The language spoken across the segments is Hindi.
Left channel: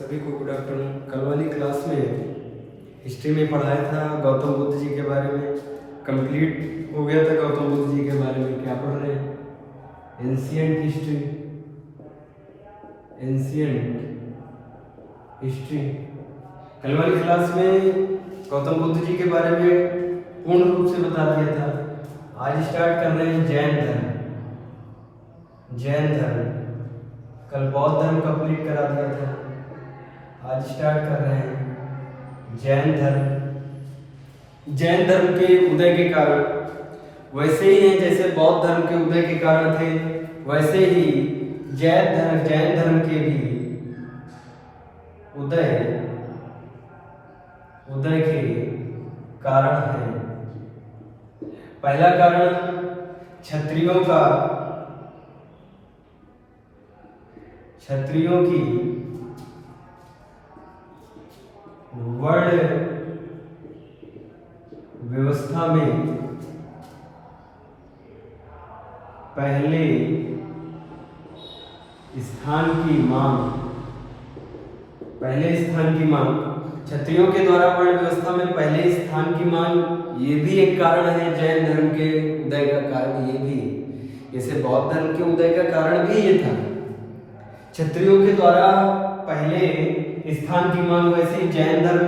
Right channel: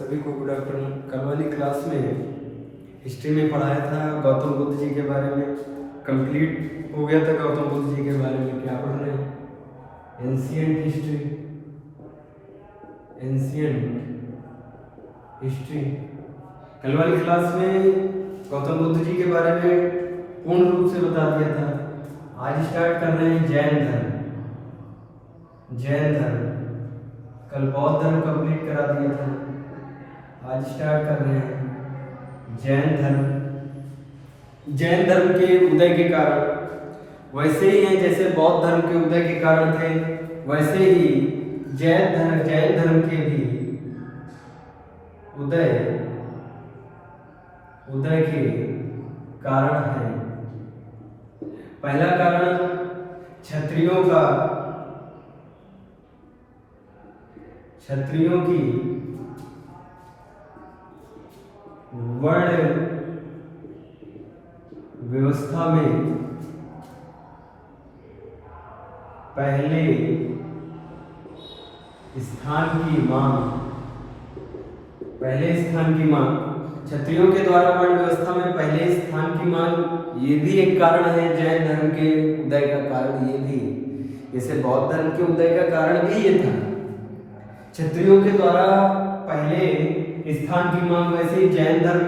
सभी को गुड आफ्टरनून। कल वाली क्लास में हिस्ट्री में पढ़ाया था गौतम बुद्ध जी के बारे में। कंप्लीट हो गया था गौतम बुद्ध जी के बारे में। क्या पढ़ रहे हैं? Ancient history. कल वाली क्लास में गौतम बुद्ध जी के बारे में पूर्ण रूप से बता दिया था। आज स्टार्ट कर रहे हैं जैन धर्म। कल बौद्ध धर्म कंप्लीट करा दिया था। आज स्टार्ट कर रहे हैं जैन धर्म। जैन धर्म के उदय के कारण वैसे ही हैं जैसे बौद्ध धर्म के उदय के कारण थे, वैसे ही जैन धर्म के भी उदय के कारण हैं। पहला कारण क्षत्रियों की वर्ण व्यवस्था में पहले स्थान की मांग। क्षत्रियों के द्वारा वर्ण व्यवस्था में पहले स्थान की मांग, ये भी एक कारण है जैन धर्म के उदय का कारण। ये भी जैसे बौद्ध धर्म के उदय का कारण भी ये था, क्षत्रियों के द्वारा पहले स्थान की मांग, वैसे ही जैन धर्म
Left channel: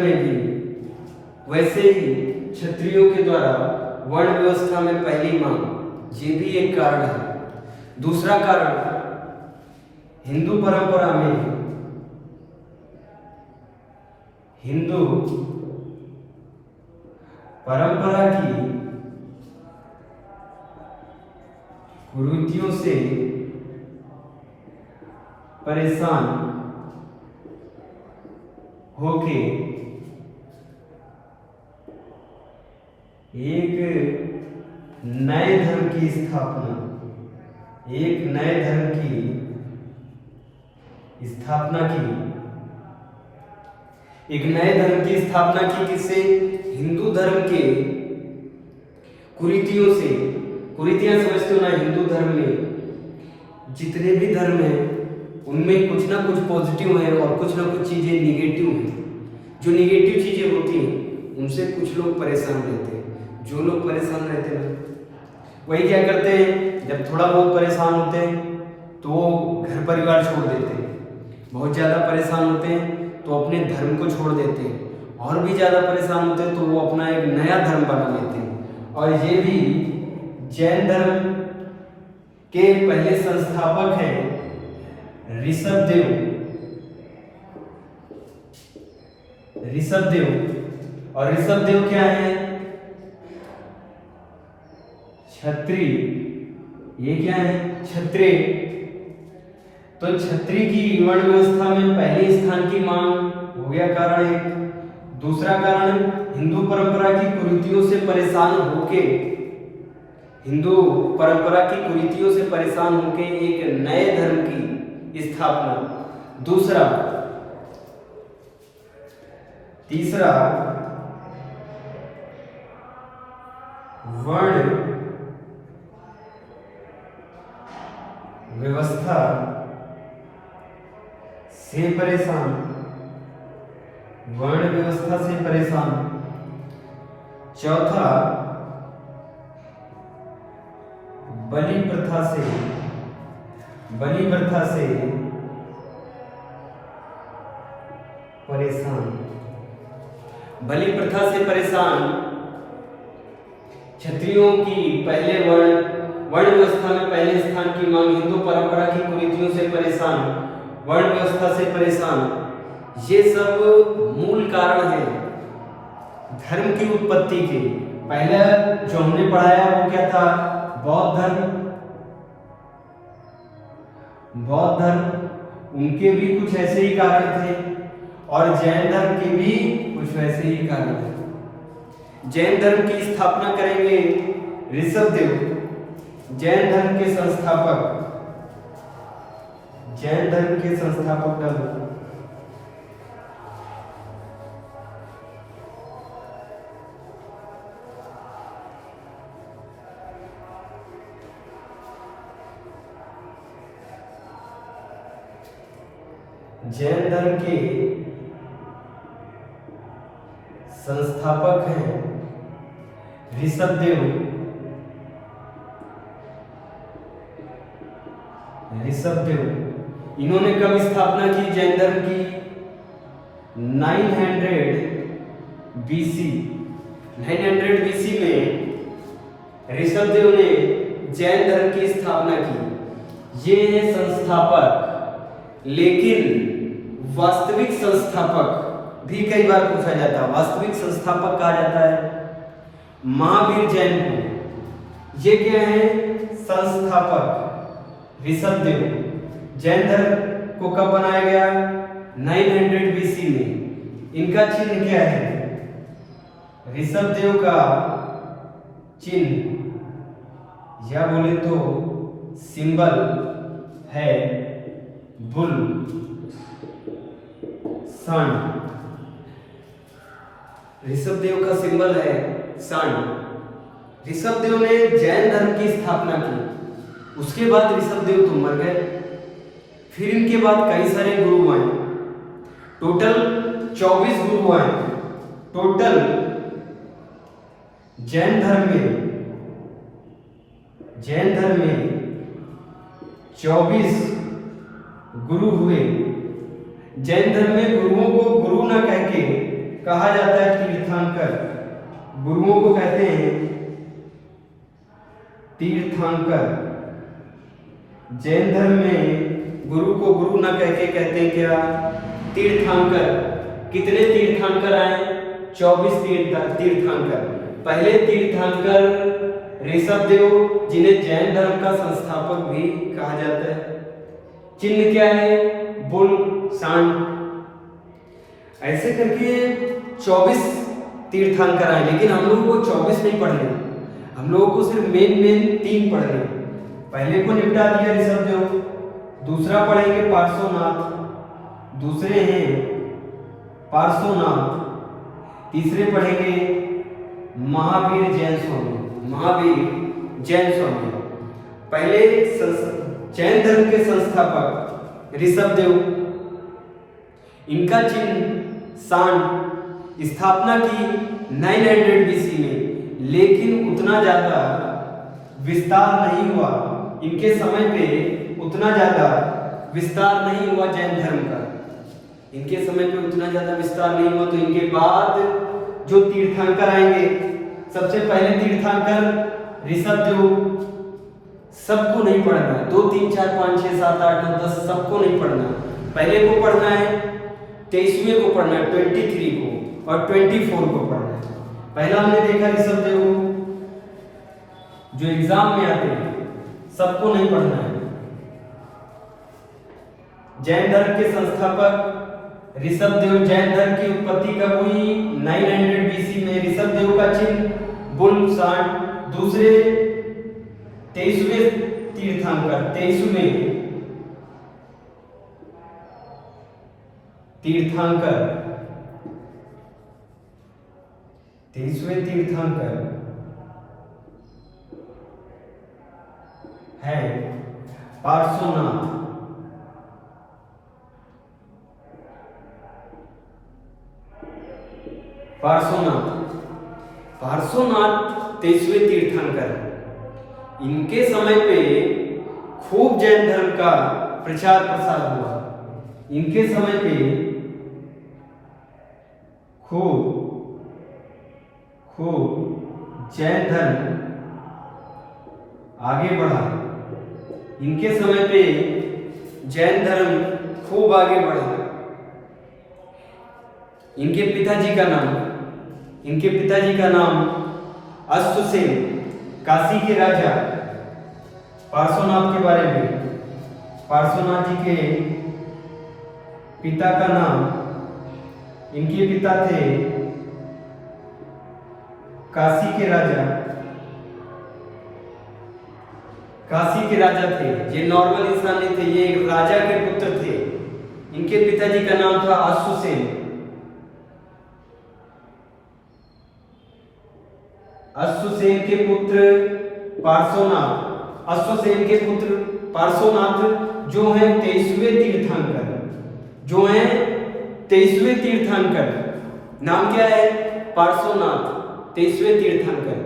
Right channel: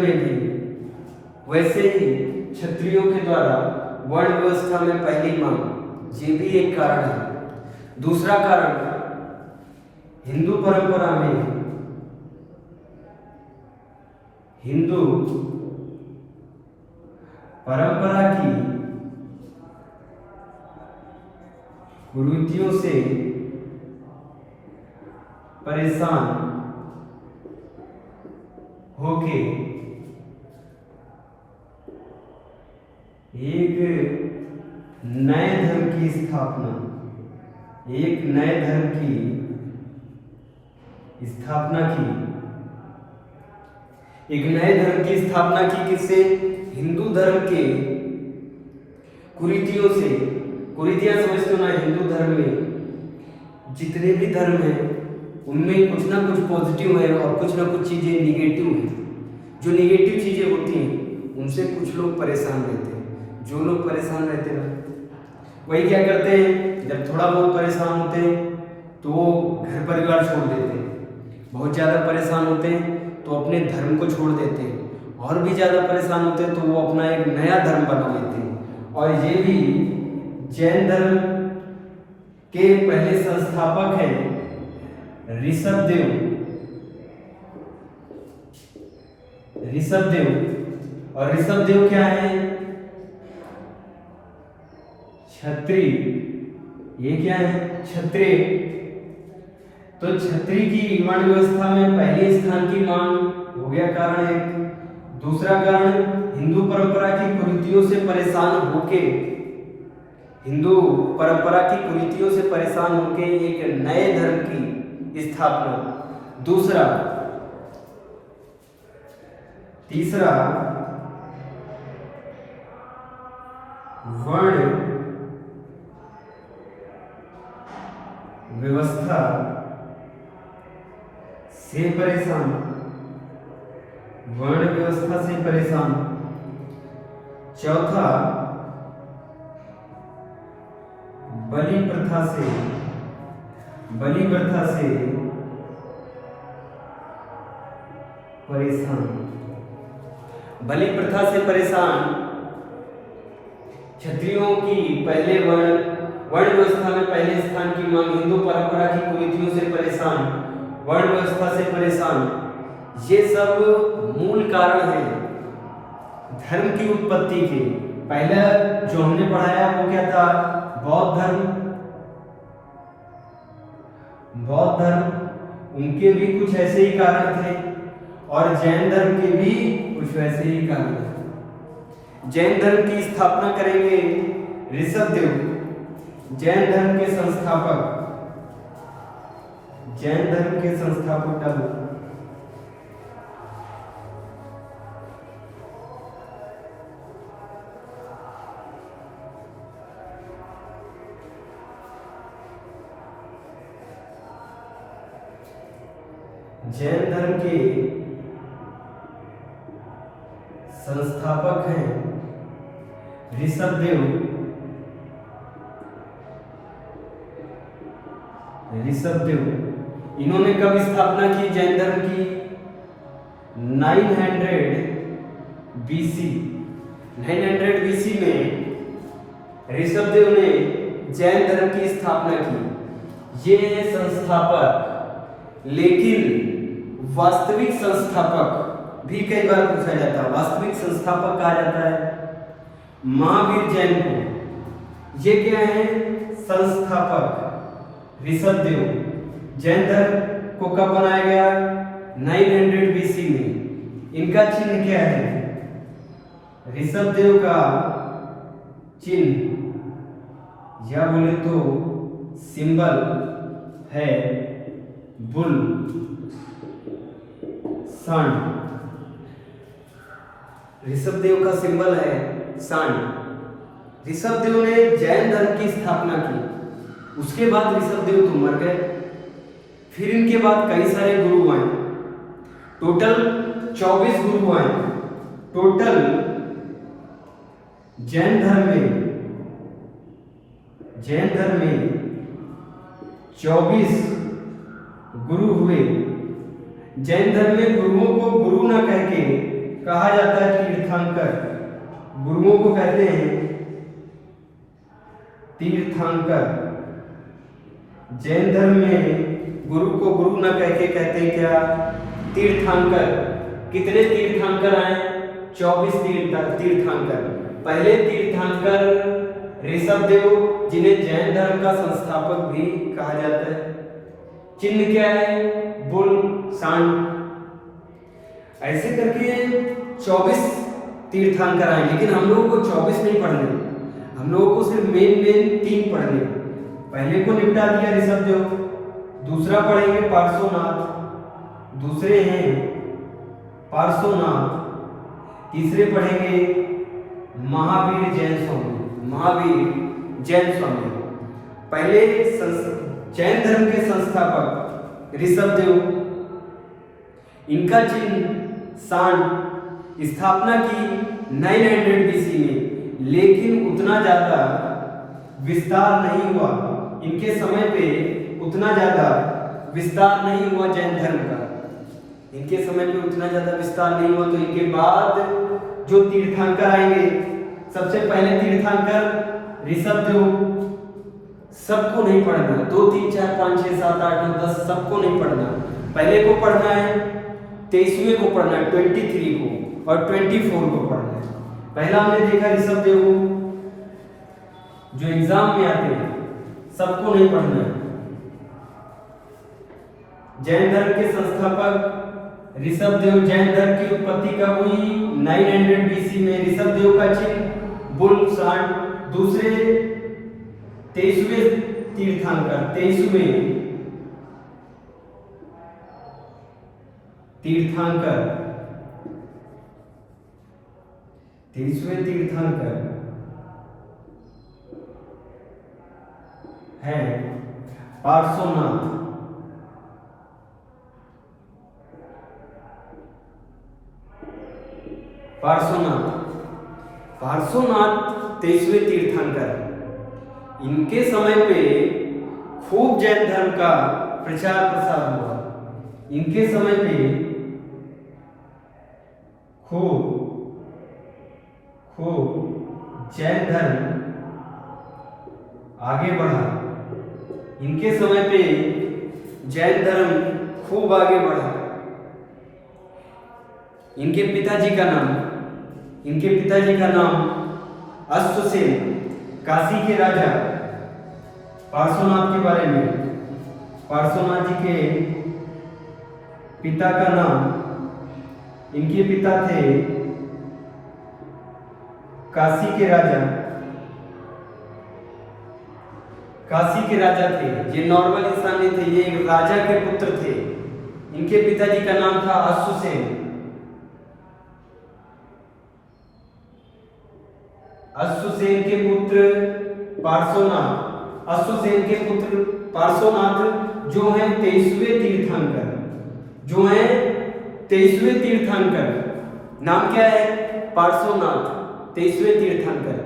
में भी वैसे ही क्षत्रियों के द्वारा वर्ण व्यवस्था में पहली मांग, ये भी एक कारण है। दूसरा कारण, हिंदू परंपरा की कुरीतियों से परेशान होके एक नए धर्म की स्थापना की। किससे? हिंदू धर्म के कुरीतियों से। कुरीतियां समझते हो ना? हिंदू धर्म में जितने भी धर्म हैं उनमें कुछ ना कुछ पॉजिटिव है और कुछ ना कुछ चीजें निगेटिव हैं। जो निगेटिव चीजें होती हैं उनसे कुछ लोग परेशान रहते हैं। जो लोग परेशान रहते हैं ना, वही क्या करते हैं, जब थोड़ा बहुत परेशान होते हैं तो वो घर परिवार छोड़ देते हैं। बहुत ज़्यादा परेशान होते हैं तो अपने धर्म को छोड़ देते हैं। और भी ज़्यादा परेशान होते हैं तो वो अपना एक नया धर्म बना लेते हैं। और ये भी जैन धर्म के पहले संस्थापक हैं ऋषभदेव। और ऋषभदेव क्या है? क्षत्रिय। ये क्या है? क्षत्रिय। तो क्षत्रिय की वर्ण व्यवस्था में पहले स्थान की मांग हो गया कारण एक। दूसरा कारण, हिंदू परंपरा की कुरीतियों से परेशान होके एक नए धर्म की स्थापना। तीसरा, वर्ण व्यवस्था से परेशान। चौथा, बलि प्रथा से परेशान। क्षत्रियों की पहले वर्ण व्यवस्था में पहले स्थान की मांग, हिंदू परंपरा की कुरीतियों से परेशान, वर्ण व्यवस्था से परेशान। ये सब मूल कारण हैं धर्म की उत्पत्ति के। पहले जो हमने पढ़ाया वो क्या था? बौद्ध धर्म, उनके भी कुछ ऐसे ही कारण थे और जैन धर्म के भी कुछ वैसे ही कारण थे। जैन धर्म की स्थापना करेंगे ऋषभदेव, जैन धर्म के संस्थापक कल। जैन धर्म के संस्थापक हैं ऋषभदेव। इन्होंने कब स्थापना की जैन धर्म की? 900 BC। 900 BC में ऋषभदेव ने जैन धर्म की स्थापना की। ये है संस्थापक, लेकिन वास्तविक संस्थापक भी कई बार पूछा जाता है। वास्तविक संस्थापक कहा जाता है महावीर जैन को। ये क्या है? संस्थापक ऋषभदेव। जैन धर्म को कब बनाया गया? 900 BC में। इनका चिन्ह क्या है? ऋषभदेव का चिन्ह या बोले तो सिंबल है बुल, सांड। ऋषभदेव का सिंबल है सांड। ऋषभदेव ने जैन धर्म की स्थापना की। उसके बाद ऋषभदेव तो मर गए। फिर इनके बाद कई सारे गुरु आए। टोटल 24 गुरु आए। टोटल जैन धर्म में 24 गुरु हुए। जैन धर्म में गुरुओं को गुरु ना कह के कहा जाता है तीर्थंकर। गुरुओं को कहते हैं तीर्थंकर। जैन धर्म में गुरु को गुरु ना कह के कहते हैं क्या? तीर्थंकर। कितने तीर्थंकर आए? 24 तीर्थंकर। पहले तीर्थंकर ऋषभदेव, जिन्हें जैन धर्म का संस्थापक भी कहा जाता है। चिन्ह क्या है? बुल, सांड। ऐसे करके 24 तीर्थंकर आए। लेकिन हम लोगों को 24 नहीं पढ़ने, हम लोगों को सिर्फ मेन 3 पढ़ने। पहले को निपटा दिया ऋषभदेव। दूसरा पढ़ेंगे पार्श्वनाथ। दूसरे हैं पार्श्वनाथ। तीसरे पढ़ेंगे महावीर जैन स्वामी। पहले जैन धर्म के संस्थापक ऋषभदेव, इनका चिन्ह सांड। स्थापना की 900 BC में, लेकिन उतना ज्यादा विस्तार नहीं हुआ। इनके समय पे उतना ज्यादा विस्तार नहीं हुआ जैन धर्म का। इनके समय पे उतना ज्यादा विस्तार नहीं हुआ। तो इनके बाद जो तीर्थंकर आएंगे, सबसे पहले तीर्थंकर ऋषभदेव। सबको नहीं पढ़ना, 2 3 4 5 6 7 8 9 10 सबको नहीं पढ़ना। पहले को पढ़ना है, 23वें को पढ़ना है, 23 को और 24 को पढ़ना है। पहला हमने देखा ऋषभदेव को, जो एग्जाम में आते हैं, सबको नहीं पढ़ना है। जैन धर्म के संस्थापक ऋषभदेव। जैन धर्म की उत्पत्ति कब हुई? 900 BC में। ऋषभदेव का चिन्ह बुल, सांड। दूसरे 23वें तीर्थंकर, 23वें तीर्थंकर है पार्श्वनाथ। पार्श्वनाथ 23वें तीर्थंकर। इनके समय पे खूब जैन धर्म का प्रचार प्रसार हुआ। इनके समय पे खूब जैन धर्म आगे बढ़ा। इनके समय पे जैन धर्म खूब आगे बढ़ा। इनके पिताजी का नाम अश्वसेन, काशी के राजा। पार्श्वनाथ के बारे में, पार्श्वनाथ जी के पिता का नाम, इनके पिता थे काशी के राजा थे। ये नॉर्मल इंसान नहीं थे, ये राजा के पुत्र थे। इनके पिताजी का नाम था अश्वसेन। अश्वसेन के पुत्र पार्श्वनाथ। अश्वसेन के पुत्र पार्श्वनाथ जो हैं 23वें तीर्थंकर, जो तीर्थंकर, नाम क्या है? पार्श्वनाथ, 23वें तीर्थंकर।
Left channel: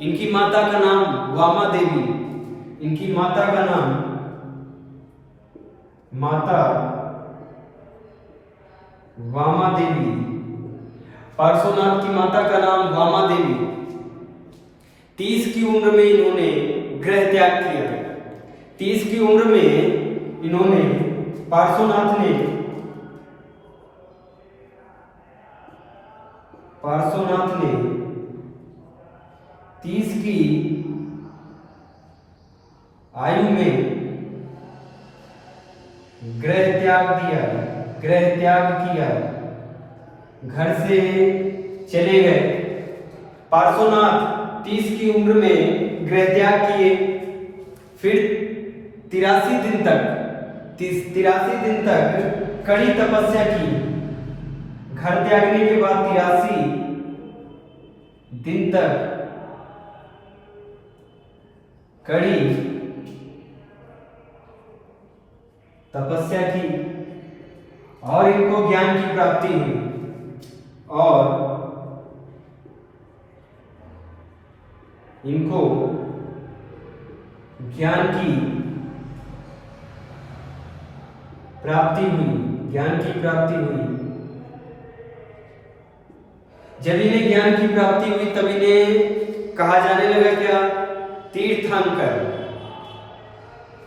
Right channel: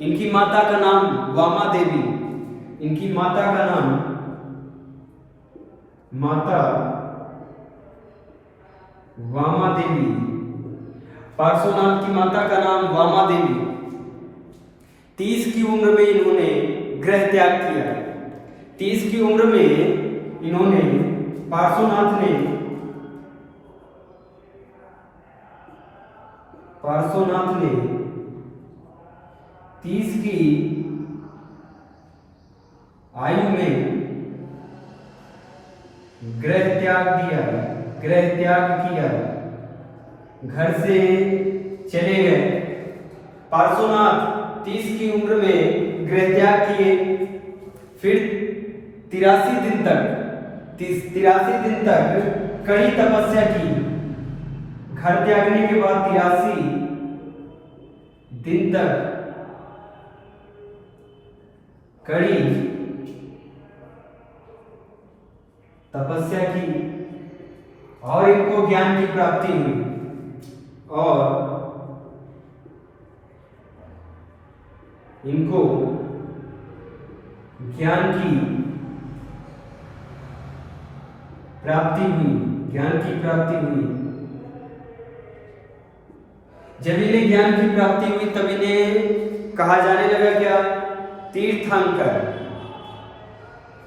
इनकी माता का नाम वामा देवी, इनकी माता का नाम माता वामा देवी, पार्श्वनाथ की माता का नाम वामा देवी। 30 की उम्र में इन्होंने गृह त्याग किया। 30 की उम्र में इन्होंने, पार्श्वनाथ ने 30 की आयु में गृह त्याग किया, घर से चले गए। पार्श्वनाथ 30 की उम्र में गृह त्याग किए, फिर 83 दिन तक कड़ी तपस्या की। घर त्यागने के बाद 83 दिन तक कड़ी तपस्या की और इनको ज्ञान की प्राप्ति हुई। और इनको ज्ञान की प्राप्ति हुई। जब इन्हें ज्ञान की प्राप्ति हुई तब इन्हें कहा जाने लगा क्या? तीर्थंकर।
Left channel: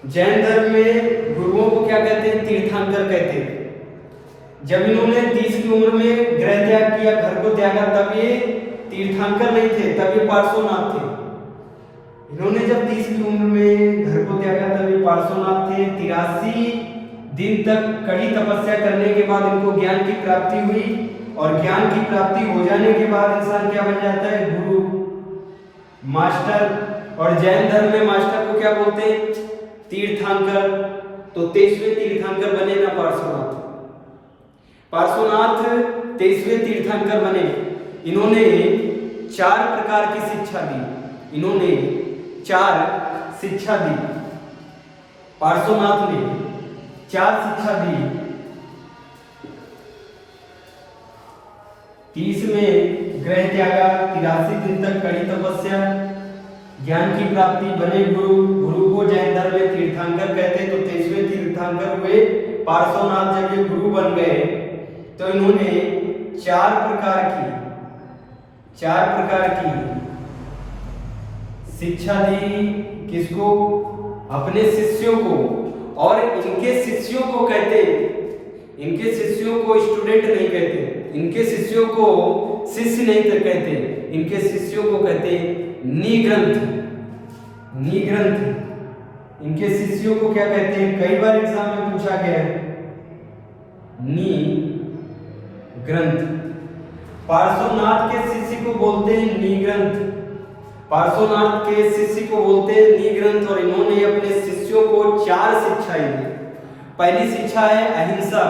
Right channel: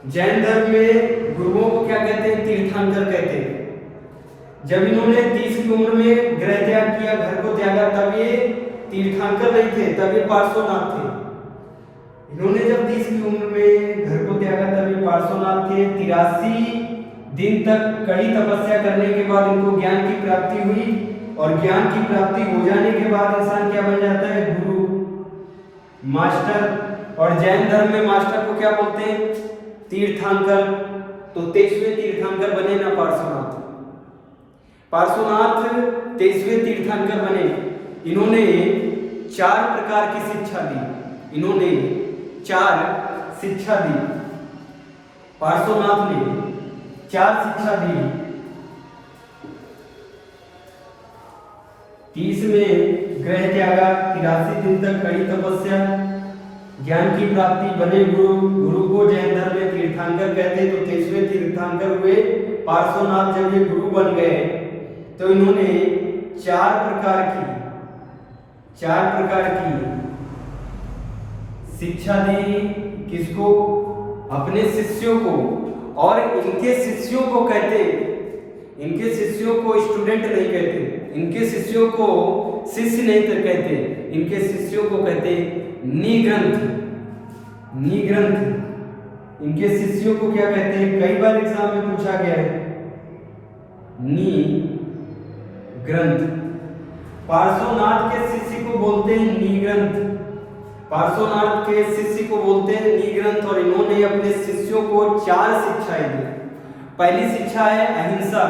जैन धर्म में गुरुओं को क्या कहते हैं? तीर्थंकर कहते हैं। जब इन्होंने 30 की उम्र में गृह त्याग किया, घर को त्यागा, तब ये तीर्थंकर नहीं थे, तब ये पार्श्वनाथ थे। इन्होंने जब 30 की उम्र में घर को त्यागा तब ये पार्श्वनाथ थे। 83 दिन तक कड़ी तपस्या करने के बाद इनको ज्ञान की प्राप्ति हुई। और ज्ञान की प्राप्ति हो जाने के बाद इंसान क्या बन जाता है? गुरु, मास्टर। और जैन धर्म में मास्टर को क्या बोलते हैं? तीर्थंकर। तो 23वें तीर्थंकर बने ना पार्श्वनाथ 23वें तीर्थंकर बने। इन्होंने 4 प्रकार की शिक्षा दी। इन्होंने 4 शिक्षा दी। पार्श्वनाथ ने 4 शिक्षा दी। 30 में गृह त्यागा, 83 दिन तक कड़ी तपस्या, ज्ञान की प्राप्ति, बने गुरु को जैन धर्म में तीर्थंकर कहते। तो 23वें तीर्थंकर हुए पार्श्वनाथ। जब ये गुरु बन गए तो इन्होंने 4 प्रकार की शिक्षा दी। किसको? अपने शिष्यों को। और इनके शिष्यों को कहते, इनके शिष्यों को स्टूडेंट नहीं कहते, इनके शिष्यों को शिष्य नहीं कहते, इनके शिष्यों को कहते निग्रंथ। इनके शिष्यों को क्या कहते हैं? कई बार एग्जाम में पूछा गया है, निग्रंथ। पार्श्वनाथ के शिष्य को बोलते हैं निग्रंथ। पार्श्वनाथ के शिष्य को बोलते हैं निग्रंथ। और इन्होंने अपने शिष्यों को 4 शिक्षाएं दी। पहली शिक्षा है अहिंसा।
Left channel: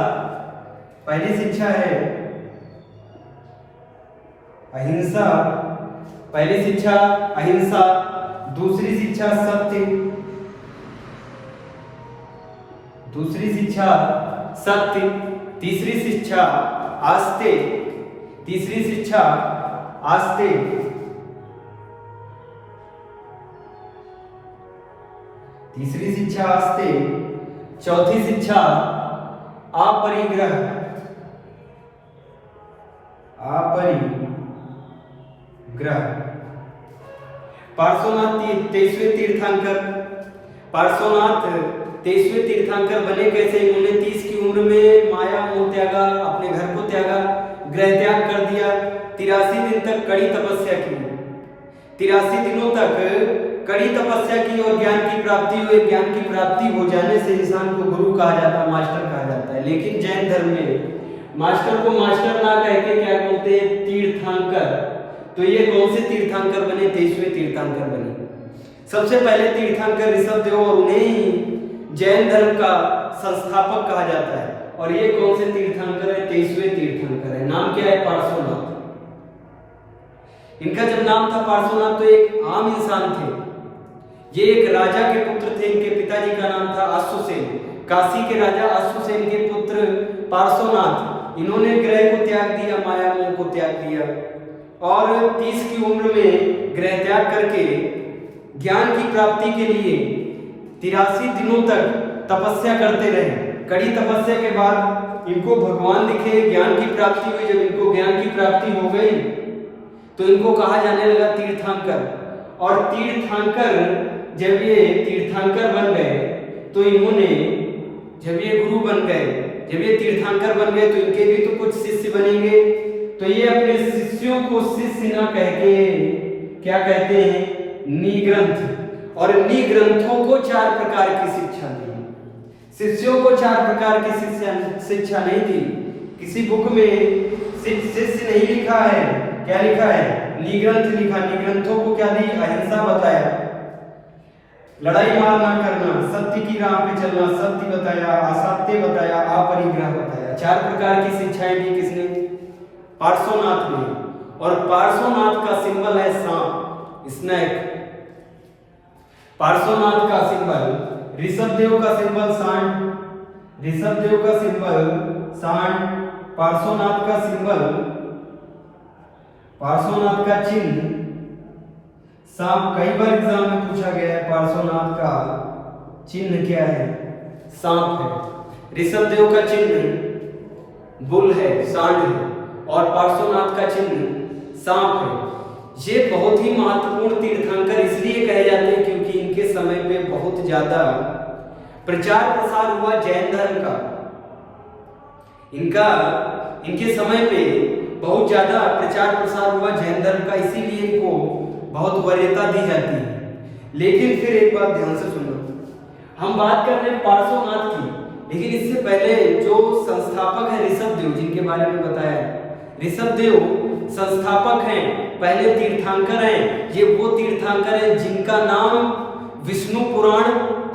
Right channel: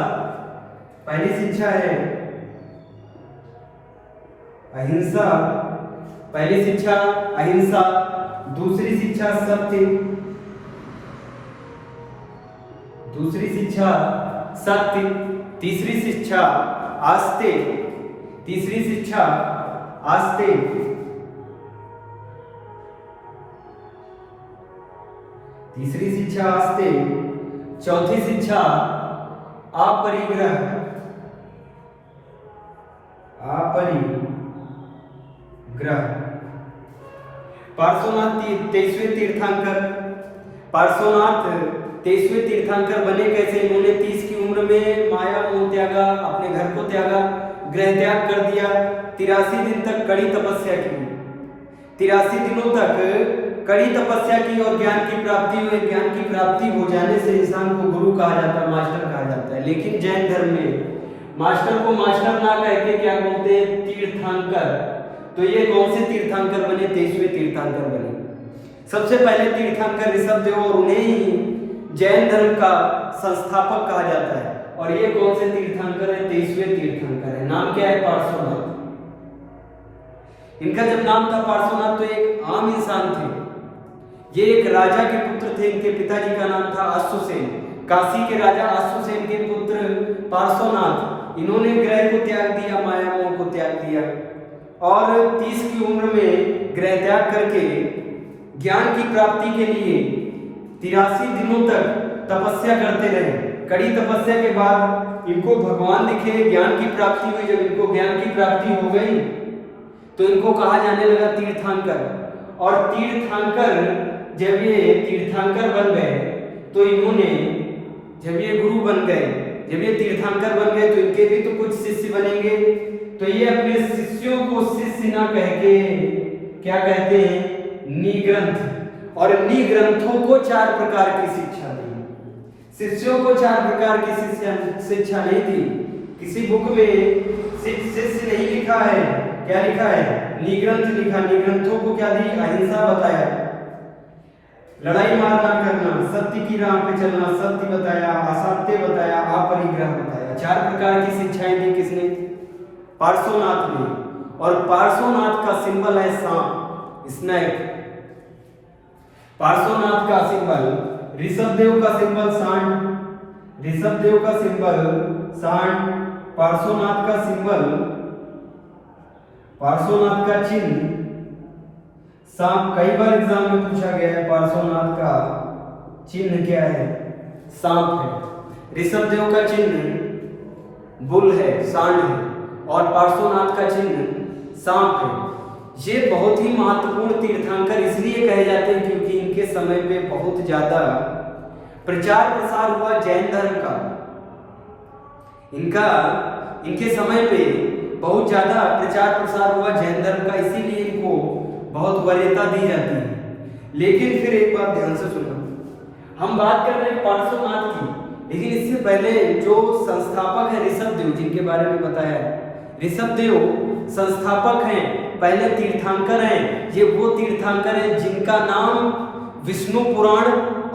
दूसरी शिक्षा सत्य। तीसरी शिक्षा आस्ते। चौथी शिक्षा अपरिग्रह। पार्श्वनाथ 23वें तीर्थंकर बने कैसे? इन्होंने 30 की उम्र में माया मोह त्यागा, अपने घर को त्यागा, गृह त्याग कर दिया। 83 दिन तक कड़ी तपस्या की। 83 दिनों तक कड़ी तपस्या की और ज्ञान की प्राप्ति हुई। ज्ञान की प्राप्ति हो जाने से इंसान को गुरु कहा जाता है, मास्टर कहा जाता है। लेकिन जैन धर्म में मास्टर को मास्टर ना कह के क्या बोलते हैं? तीर्थंकर। तो ये कौन से तीर्थंकर बने? 23वें तीर्थंकर बने। सबसे पहले तीर्थंकर ऋषभदेव, और उन्हें ही जैन धर्म का संस्थापक कहा जाता है। और ये कौन से तीर्थंकर है? 23वें तीर्थंकर है। नाम क्या है? पार्श्वनाथ। इनका जब नाम था पार्श्वनाथ तो एक आम इंसान थे। ये एक राजा के पुत्र थे। इनके पिताजी का नाम था अश्वसेन। काशी के राजा अश्वसेन के पुत्र पार्श्वनाथ, इन्होंने ग्रह को त्याग दिया, माया मोह को त्याग दिया और 30 की उम्र में ग्रह त्याग करके ज्ञान की प्राप्ति के लिए 83 दिनों तक तपस्या करते रहे। कड़ी तपस्या के बाद इनको भगवान दिखे, ज्ञान की प्राप्ति हुई। जब इनको ज्ञान की प्राप्ति हो गई तो इनको कहा जाने लगा तीर्थंकर। और तीर्थंकर, जब ये तीर्थंकर बन गए तो इन्होंने, जब ये गुरु बन गए, जब ये तीर्थंकर बन गए तो इनके भी तो कुछ शिष्य बनेंगे। तो ये अपने शिष्यों को शिष्य ना कह के क्या कहते हैं, निग्रंथ। और निग्रंथों को 4 प्रकार की शिक्षा दी। शिष्यों को 4 प्रकार की शिक्षा नहीं दी। किसी बुक में शिष्य नहीं लिखा है, क्या लिखा है, निग्रंथ लिखा। निग्रंथों को क्या दी, अहिंसा बताया, लड़ाई मार ना करना, सत्य की राह पे चलना, सत्य बताया, असत्य बताया, अपरिग्रह बताया। 4 प्रकार की शिक्षाएं दी किसने, पार्श्वनाथ ने। और पार्श्वनाथ का सिंबल है सांप, स्नेक। पार्श्वनाथ का सिंबल, ऋषभदेव का सिंबल सांड, ऋषभदेव का सिंबल सांड, पार्श्वनाथ का सिंबल, पार्श्वनाथ का चिन्ह सांप। कई बार एग्जाम में पूछा गया है पार्श्वनाथ का चिन्ह क्या है, सांप है। ऋषभदेव का चिन्ह बुल है, सांड है, और पार्श्वनाथ का चिन्ह सांप है। ये बहुत ही महत्वपूर्ण तीर्थंकर इसलिए कहे जाते हैं क्योंकि इनके समय पे बहुत ज्यादा प्रचार प्रसार हुआ जैन धर्म का। इनके समय पे बहुत ज्यादा प्रचार प्रसार हुआ जैन धर्म का, इसीलिए इनको बहुत वरीयता दी जाती है। लेकिन फिर एक बात ध्यान से सुनना, हम बात कर रहे हैं पार्श्वनाथ की, लेकिन इससे पहले जो संस्थापक है ऋषभदेव, जिनके बारे में बताया है, ऋषभदेव संस्थापक हैं, पहले तीर्थंकर हैं। ये वो तीर्थंकर हैं जिनका नाम विष्णु पुराण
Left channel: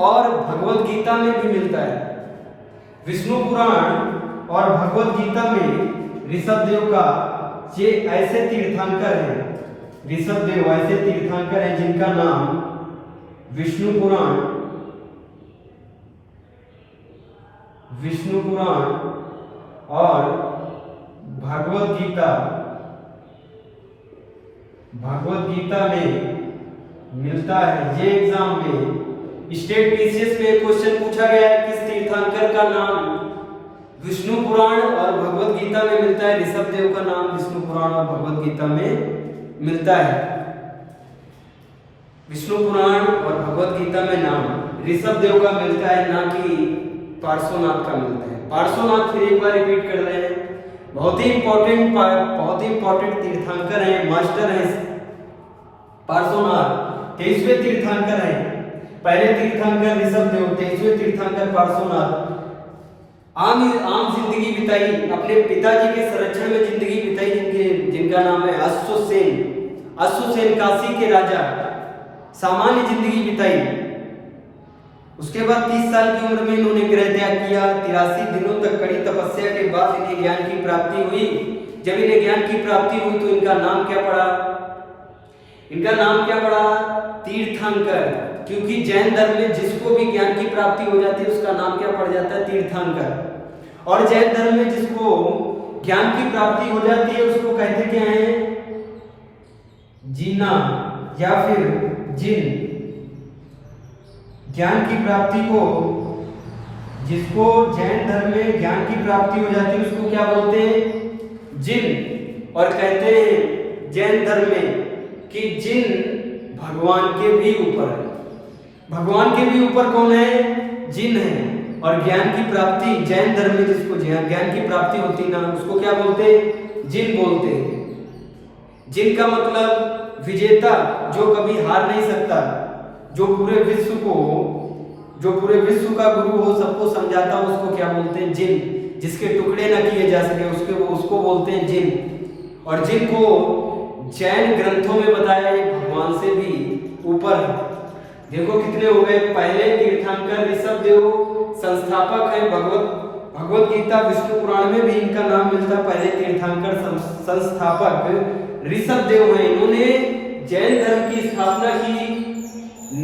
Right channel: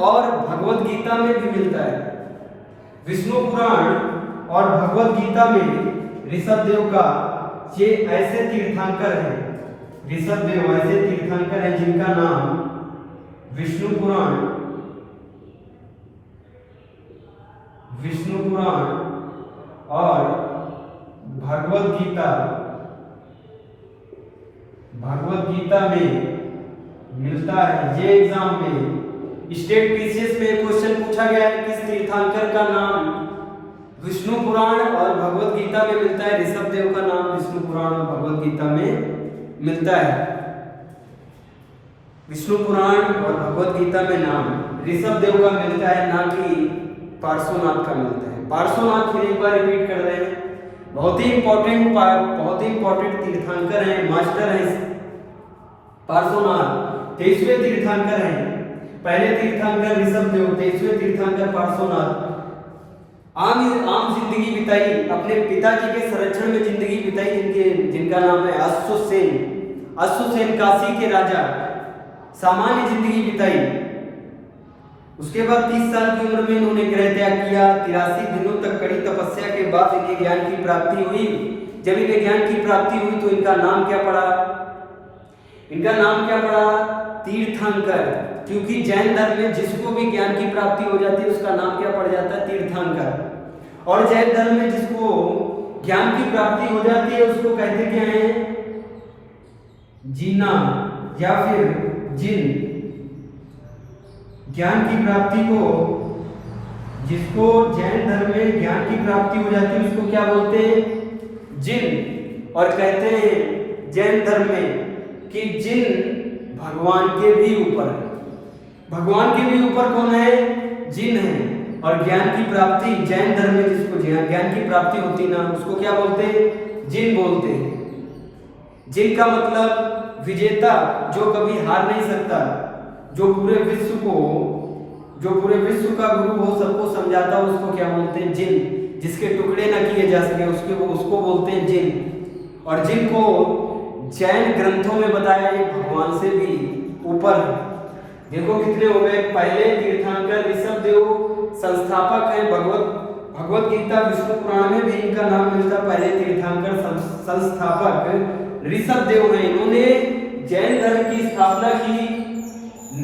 और भगवत गीता में भी मिलता है। विष्णु पुराण और भगवत गीता में ऋषभदेव का, ये ऐसे तीर्थंकर हैं, ऋषभदेव ऐसे तीर्थंकर हैं जिनका नाम विष्णु पुराण और भगवत गीता में मिलता है। ये एग्जाम में स्टेट पीसीएस में क्वेश्चन पूछा गया है, किस तीर्थंकर का नाम विष्णु पुराण और भगवत गीता में मिलता है। ऋषभदेव का नाम विष्णु पुराण और भगवत गीता में मिलता है। विष्णु पुराण और भगवत गीता में नाम ऋषभदेव का मिलता है, ना कि पार्श्वनाथ का मिलता है। पार्श्वनाथ फिर एक बार रिपीट कर रहे हैं, बहुत ही इंपॉर्टेंट तीर्थंकर हैं, मास्टर हैं पार्श्वनाथ। 23वें तीर्थंकर हैं, पहले तीर्थंकर ऋषभदेव, 23वें तीर्थंकर पार्श्वनाथ। आम जिंदगी बिताई, अपने पिताजी के संरक्षण में जिंदगी बिताई, जिनका नाम है अश्वसेन काशी के राजा, सामान्य जिंदगी बिताई। उसके बाद 30 साल की उम्र में इन्होंने गृह त्याग किया। 83 दिनों तक कड़ी तपस्या के बाद इन्हें ज्ञान की प्राप्ति हुई। जब इन्हें ज्ञान की प्राप्ति हुई तो इनका नाम क्या पड़ा, तीर्थंकर। क्योंकि जैन धर्म में जिसको भी ज्ञान की प्राप्ति हो जाती है उसका नाम क्या पड़ जाता है, तीर्थंकर। और जैन धर्म में जिसको ज्ञान की प्राप्ति हो जाती है उसको कहते क्या है, जीना या फिर जिन। ज्ञान की प्राप्ति को, जिसको जैन धर्म में ज्ञान की प्राप्ति हो जाती है उसको क्या बोलते हैं, जिन। और कहते हैं जैन धर्म में कि जिन भगवान के भी ऊपर है। भगवान के भी ऊपर कौन है, जिन है। और ज्ञान की प्राप्ति जैन धर्म में जिसको ज्ञान की प्राप्ति होती ना उसको क्या बोलते हैं, जिन बोलते हैं। जिन का मतलब विजेता, जो कभी हार नहीं सकता, जो पूरे विश्व का गुरु हो, सबको समझाता हो, उसको क्या बोलते हैं, जिन। जिसके टुकड़े ना किए जा सके उसको बोलते हैं जिन। और जिन को जैन ग्रंथों में बताया ये भगवान से भी ऊपर है। देखो कितने हो गए, पहले तीर्थंकर ऋषभदेव संस्थापक है, भगवत गीता विष्णु पुराण में भी इनका नाम मिलता है। पहले तीर्थंकर संस्थापक ऋषभदेव हैं। इन्होंने जैन धर्म की स्थापना की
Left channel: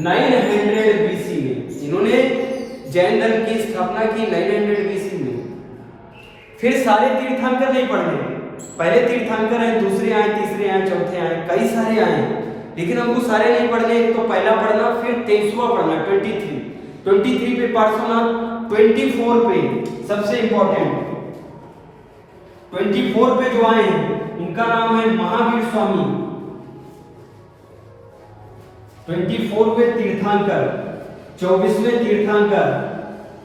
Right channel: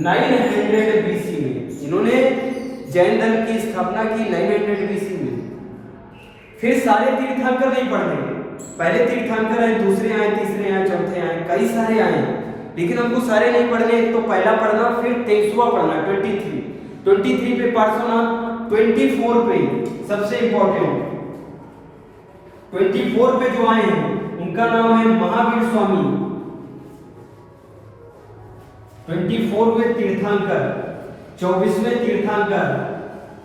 900 BC में। इन्होंने जैन धर्म की स्थापना की 900 BC में। फिर सारे तीर्थंकर नहीं पढ़ रहे, पहले तीर्थंकर आए, दूसरे आए, तीसरे आए, चौथे आए, कई सारे आए, लेकिन हमको सारे नहीं पढ़ने। तो पहला पढ़ना, फिर 23वां पढ़ना, 23 पे पार्श्वनाथ, 24 पे सबसे इंपॉर्टेंट 24 पे जो आए हैं उनका नाम है महावीर स्वामी। 24वें तीर्थंकर, 24वें तीर्थंकर।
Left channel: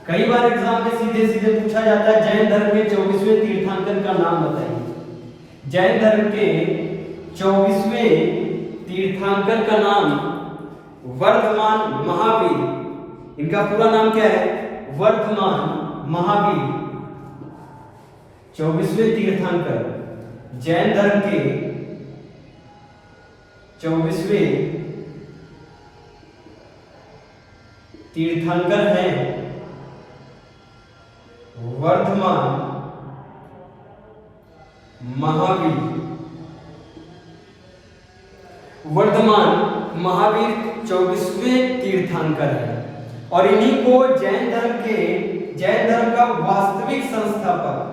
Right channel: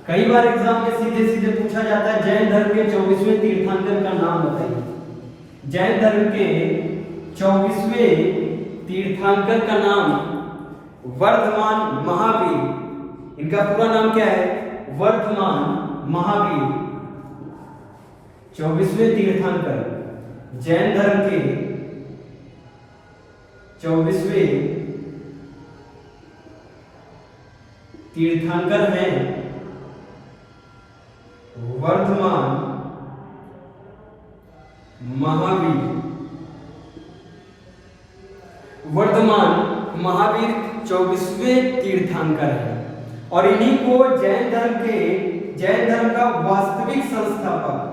कई बार एग्जाम में सीधे सीधे पूछा जाता है जैन धर्म के 24वें तीर्थंकर का नाम बताइए। जैन धर्म के 24वें तीर्थंकर का नाम वर्धमान महावीर। इनका पूरा नाम क्या है? वर्धमान महावीर। 24वें तीर्थंकर जैन धर्म के 24वें तीर्थंकर हैं वर्धमान महावीर। वर्धमान महावीर 24वें तीर्थंकर है और इन्हीं को जैन धर्म का वास्तविक संस्थापक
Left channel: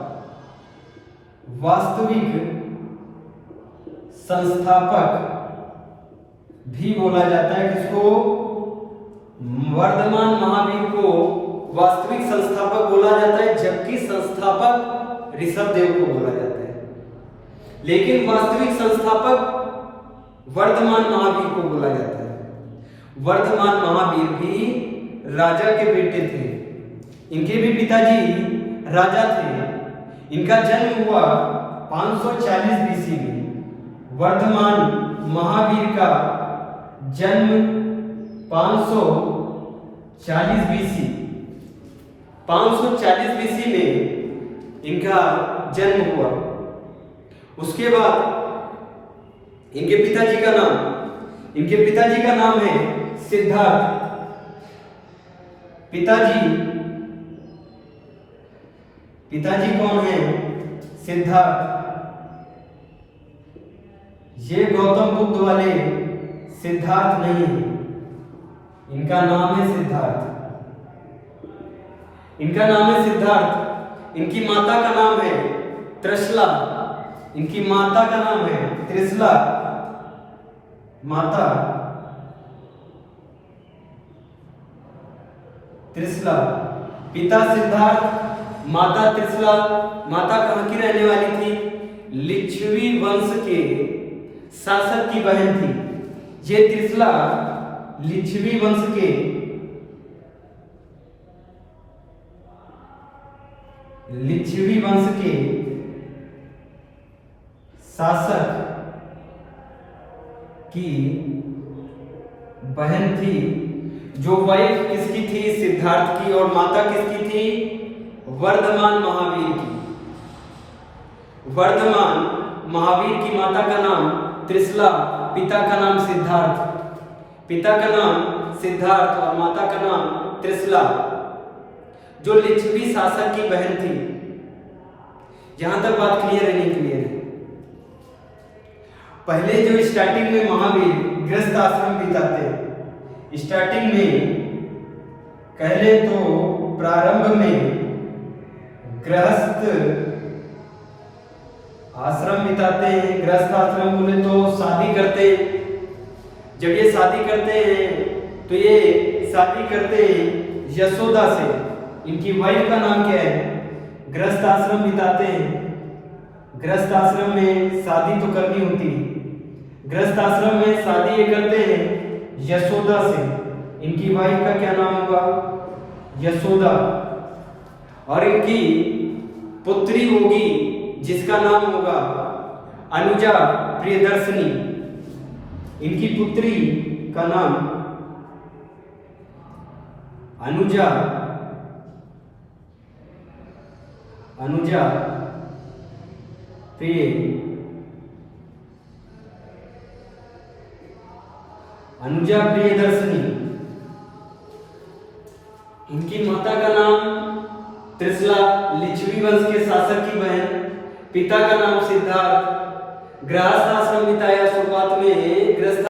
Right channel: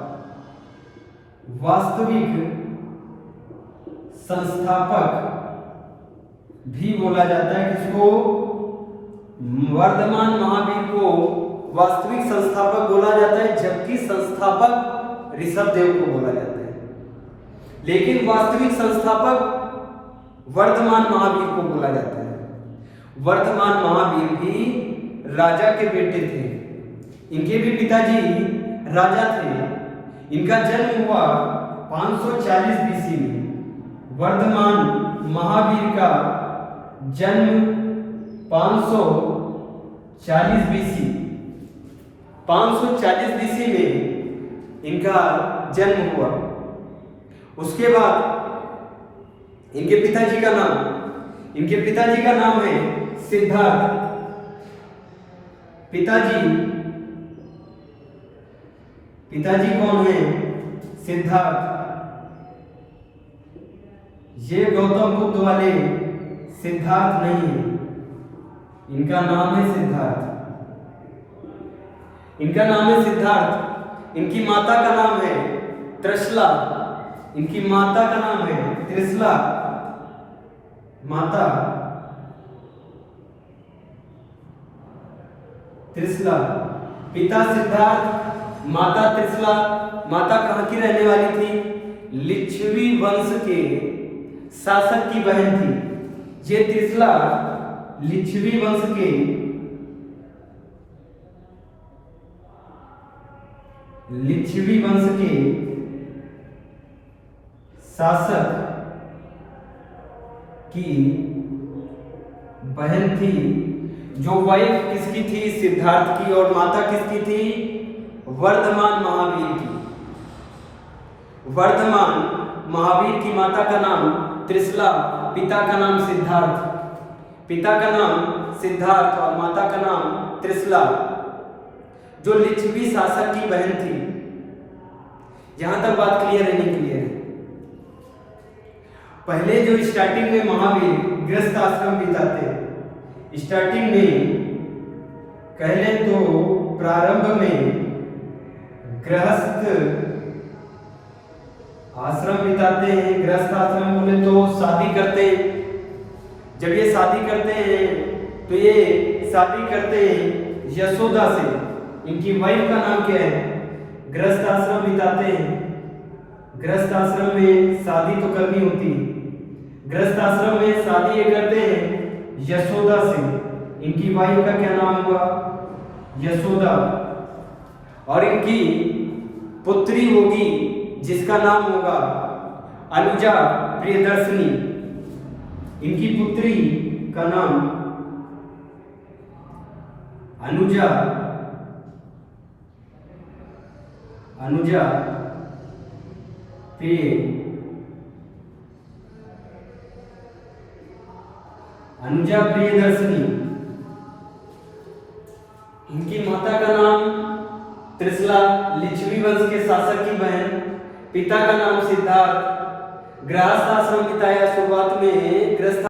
भी बोला जाता है। किसको? वर्धमान महावीर को वास्तविक संस्थापक बोला जाता है, जबकि संस्थापक ऋषभदेव को बोला जाता है, लेकिन वास्तविक संस्थापक वर्धमान महावीर को बोला जाता है। वर्धमान महावीर भी राजा के बेटे थे, इनके भी पिताजी राजा थे। इनका जन्म हुआ 540 BC में। वर्धमान महावीर का जन्म 540 BC में इनका जन्म हुआ। उसके बाद इनके पिताजी का नाम है सिद्धार्थ। पिताजी कौन है? सिद्धार्थ। ये गौतम बुद्ध वाले सिद्धार्थ नहीं है, इनका नाम है सिद्धार्थ। इनकी माता का नाम है त्रिशला। माता त्रिशला, पिता सिद्धार्थ, माता त्रिशला। माता कहाँ की रहने वाली थी? लिच्छवी वंश के शासक की बहन थी। ये त्रिशला लिच्छवी वंश के शासक की बहन थी। जो वाइफ किसकी थी? सिद्धार्थ की। और माता किसकी थी? वर्धमान महावीर की। वर्धमान महावीर की माता का नाम त्रिशला, पिता का नाम सिद्धार्थ और माता का नाम त्रिशला, जो लिच्छवी शासक की बहन थी। यहां तक बात क्लियर है? नहीं क्लियर है? पहले जो स्टार्टिंग में महावीर गृहस्थ आश्रम बिताते, स्टार्टिंग में पहले तो प्रारंभ में गृहस्थ आश्रम बिताते हैं। गृहस्थ आश्रम बोले तो शादी करते। जब ये शादी करते हैं तो ये शादी करते हैं यशोदा से। इनकी वाइफ का नाम क्या है? गृहस्थ आश्रम बिताते हैं। गृहस्थ आश्रम में शादी तो करनी होती है। गृहस्थ आश्रम में शादी ये करते हैं यशोदा से। इनकी वाइफ का क्या नाम होगा? यशोदा। और इनकी पुत्री होगी जिसका नाम होगा अनुजा प्रियदर्शनी। इनकी पुत्री का नाम अनुजा प्रियदर्शनी। इनकी माता का नाम त्रिशला, लिच्छवी वंश के शासक की बहन। पिता का नाम सिद्धार्थ। गृहस्थ आश्रम बिताया। शुरुआत में गृहस्थ